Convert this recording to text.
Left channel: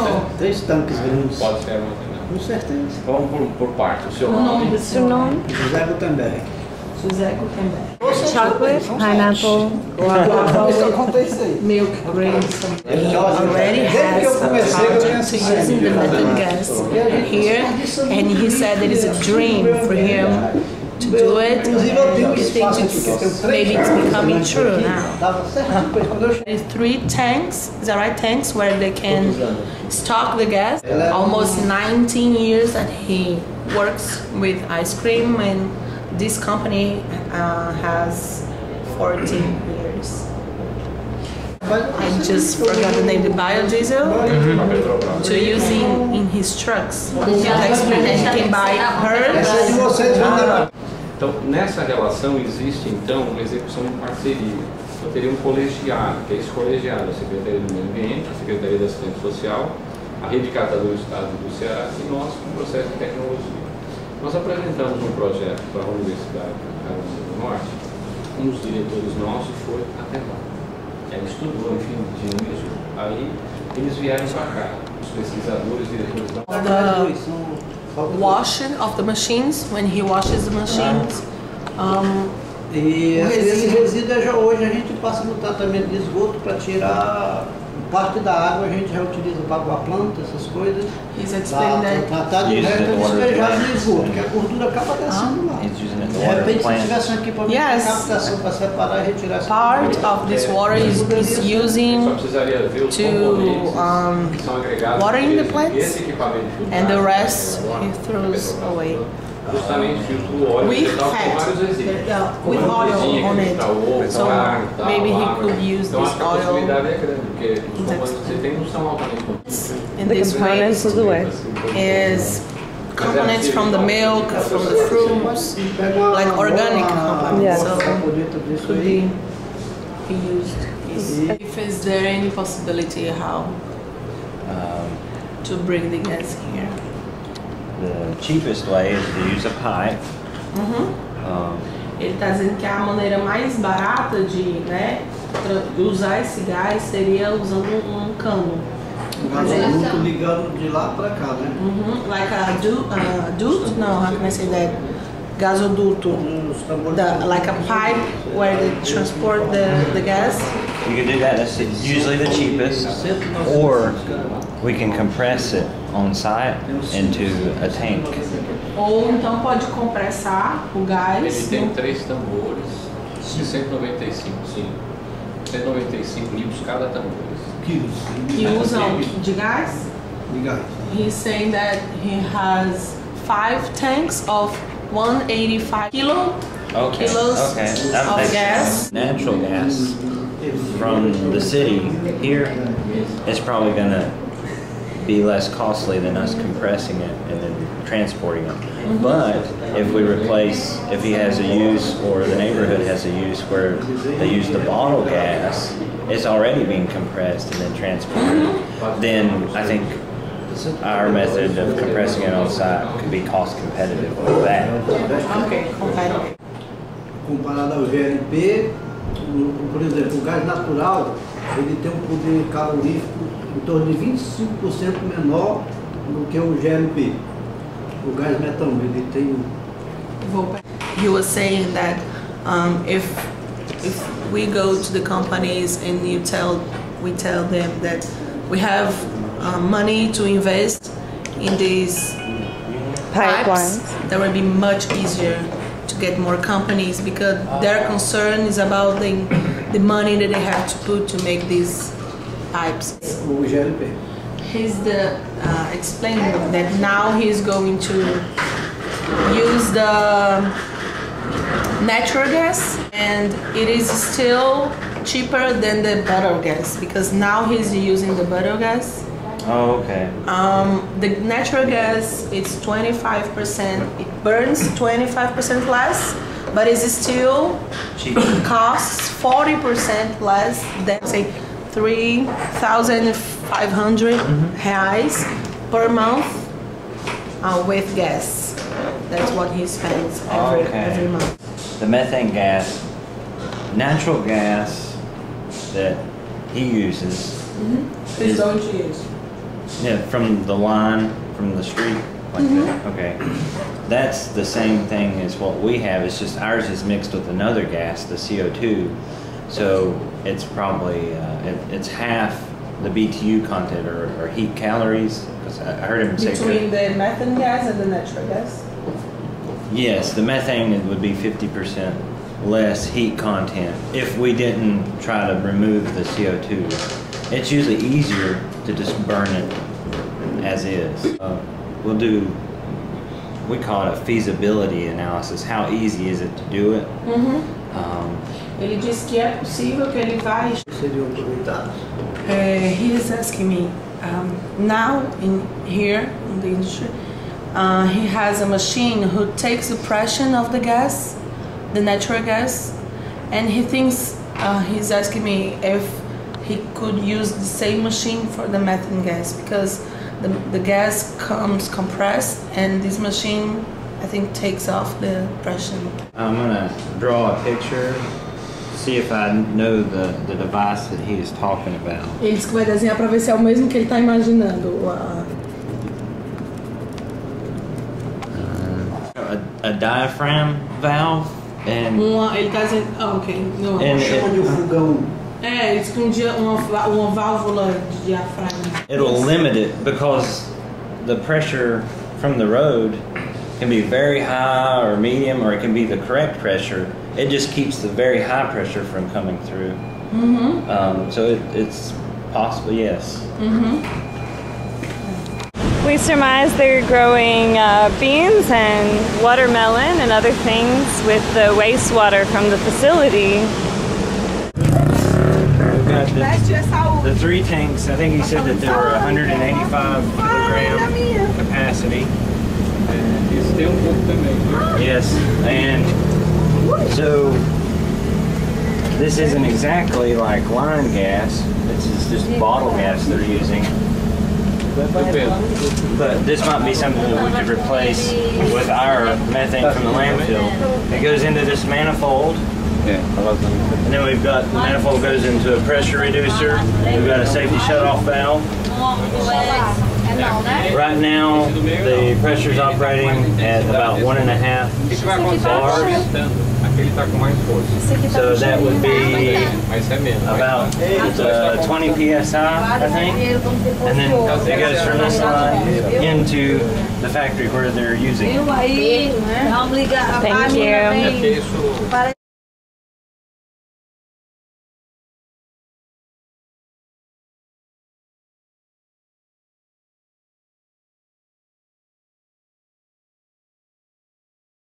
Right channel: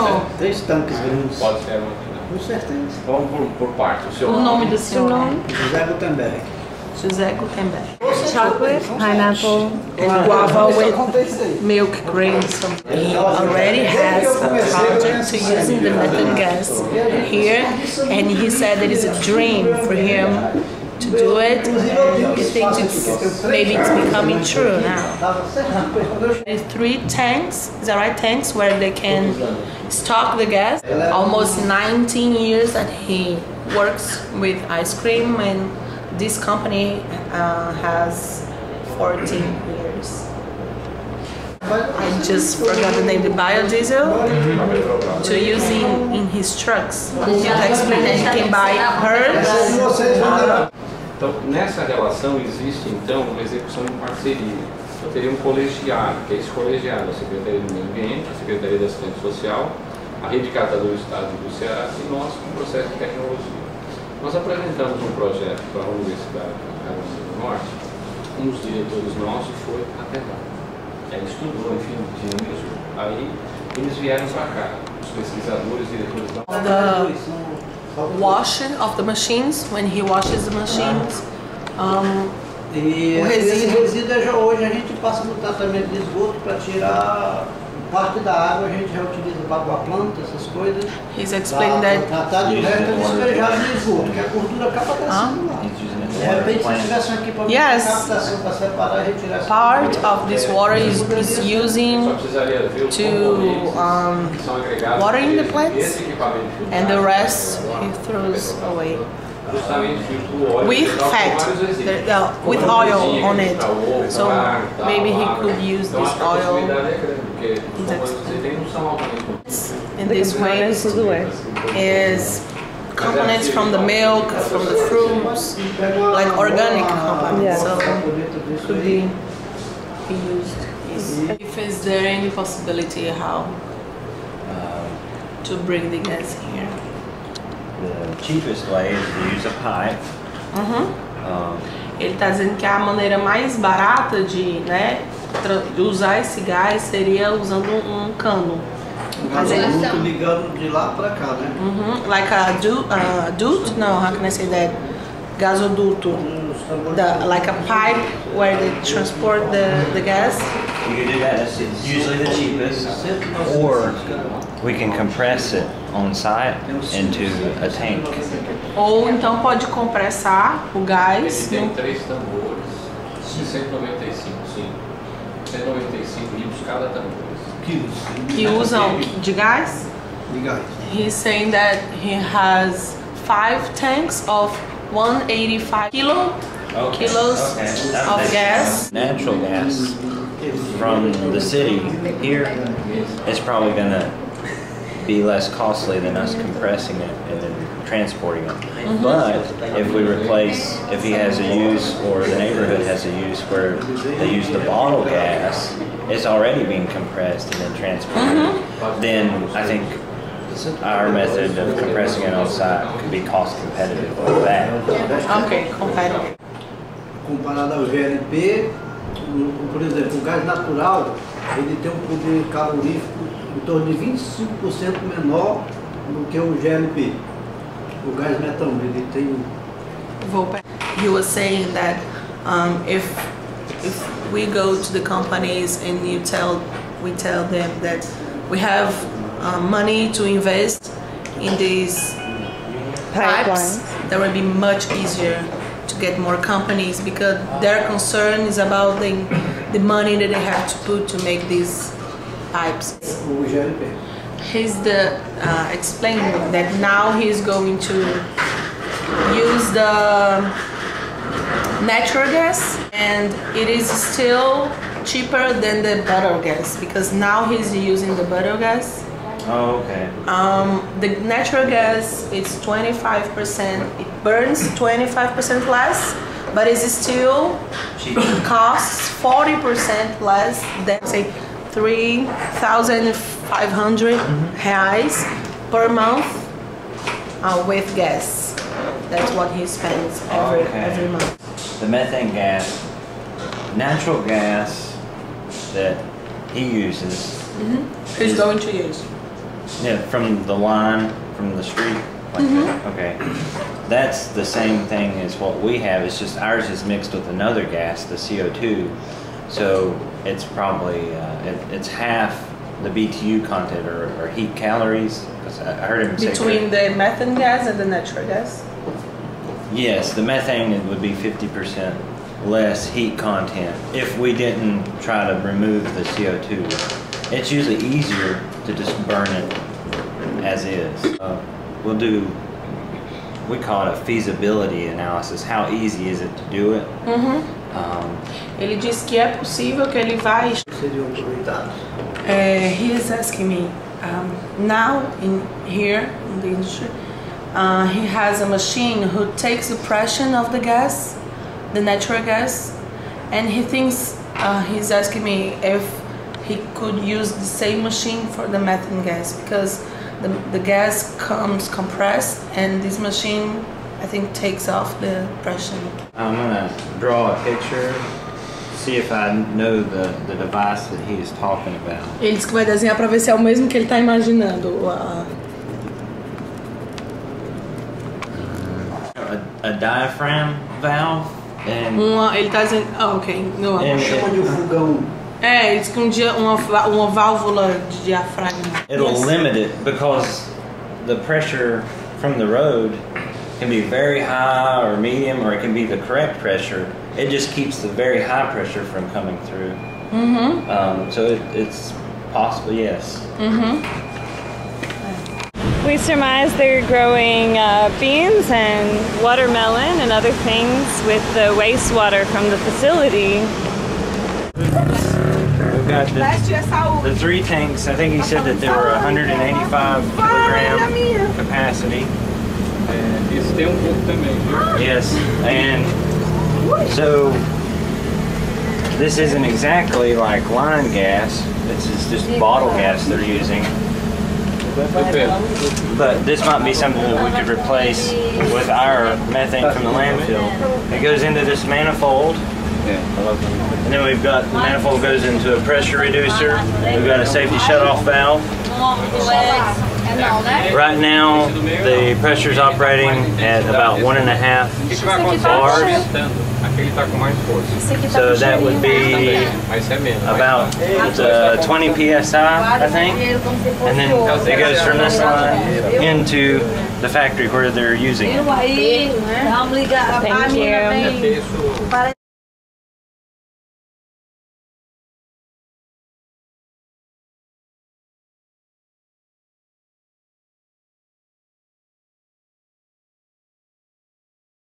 ou... 3 tanques grandes. Pode ser armazenado. Com certeza. Vamos por parte. O seu O nome do seu nome? José Gutenberg. José Gutenberg. Chocolate, pineapple, guava with milk cream. He already has a project to using the methane gas here, and he said that it's a dream for him to do it, and he thinks maybe it's becoming true now. There's 3 tanks, is that right? Tanks where they can stock the gas. Almost 19 years that he works with ice cream, and this company has 14 years. I just forgot the name, the biodiesel, to using in his trucks. He explained that he can buy hers. Então, nessa relação existe então uma execução em parceria. Eu teria um colegiado, que é esse colegiado, a Secretaria do Meio Ambiente, a Secretaria da Assistência Social, a Rede Catadores do Estado do Ceará e nós com o processo de tecnologia. Nós apresentamos um projeto para a Universidade do Norte, um dos diretores nossos foi até lá. Ele estudou, enfim, de isso. Aí eles vieram para cá, os pesquisadores, diretores da Washing of the machines, when he washes the machines. E esse resíduo hoje a gente passa no tratamento de esgoto para tirar parte da água, a gente já utiliza para água planta, essas coisas. He's explaining that. Tratar de resto despejar no esgoto, que a gordura acaba descendo lá. De repente, se tivesse um equipamento de captação para separar e retirar essa part of this water is using to water in the plants, and the rest he throws away. With fat, with oil on it. So maybe he could use this oil. In this way, is components from the milk, from the fruits, like organic components. So could be used. If is there any possibility how to bring the gas here? The cheapest way is to use a pipe. Ele está dizendo que a maneira mais barata de, usar esse gás seria usando um cano. Gasoduto ligando de lá para cá, né? Like a duct? No, how can I say that? Gasoduto. Like a pipe where they transport the gas. You can do that. That's usually the cheapest. Or we can compress it on site into a tank. Ou então pode compressar o gás. Ele tem 3 tambores, de 195, sim. 195 litros cada tambor. Que usam de gás? De gás. He's saying that he has 5 tanks of 185 kilos of gas. Natural gas from the city here is probably going to be less costly than us compressing it and then transporting it. But if we replace, if he has a use or the neighborhood has a use where they use the bottle gas, it's already being compressed and then transported, then I think our method of compressing it on site could be cost competitive with that. Okay, competitive. Comparado ao GLP, por exemplo, o gás natural, ele tem um poder calorífico em torno de 25% menor do que o GLP. O gás metano, ele tem... He was saying that if we go to the companies and we tell them that we have money to invest in these pipes, that would be much easier to get more companies, because their concern is about the money that they have to put to make these pipes. O GLP. He's explaining that now he's going to use the natural gas, and it is still cheaper than the butter gas, because now he's using the butter gas. Oh, okay. The natural gas, it's 25%, it burns 25% less, but it still costs 40% less than, say, 3,500 reais per month with gas. That's what he spends every month. The methane gas, natural gas that he uses. He's going to use. Yeah, from the line, from the street, like that. Okay. That's the same thing as what we have. It's just ours is mixed with another gas, the CO2. So it's probably, it's half the BTU content or heat calories. Because I heard him say between the methane gas and the natural gas? Yes, the methane would be 50% less heat content if we didn't try to remove the CO2. It's usually easier to just burn it as is. We'll do, we call it a feasibility analysis. How easy is it to do it? Ele diz que é possível que ele vai. Seriam aproveitados? He is asking me, now here in the industry, he has a machine who takes the pressure of the gas, the natural gas, and he thinks, he's asking me if he could use the same machine for the methane gas, because the gas comes compressed and this machine, I think, takes off the pressure. I'm gonna draw a picture, see if I know the device that he is talking about. Ele disse que vai desenhar para ver se é o mesmo que ele está imaginando. A diaphragm valve and Ele está dizendo, ok, não. Chama de fogão. Ele disse que uma válvula de diafragma. it'll limit it because the pressure from the road can be very high or medium, or it can be the correct pressure. It just keeps the very high pressure from coming through. So it's possible, yes. We surmise they're growing beans and watermelon and other things with the wastewater from the facility. We've got the 3 tanks. I think he said that there were 185 kilogram capacity. É, esse tem pouco também, viu? Yes, and so this isn't exactly like line gas. This is just bottle gas they're using. But this might be something that we could replace with our methane from the landfill. It goes into this manifold, and then we've got the manifold goes into a pressure reducer. We've got a safety shutoff valve. Right now, the pressure's operating at about 1.5 bars. So that would be about 20 psi, I think. And then it goes from this line into the factory where they're using it. Thank you.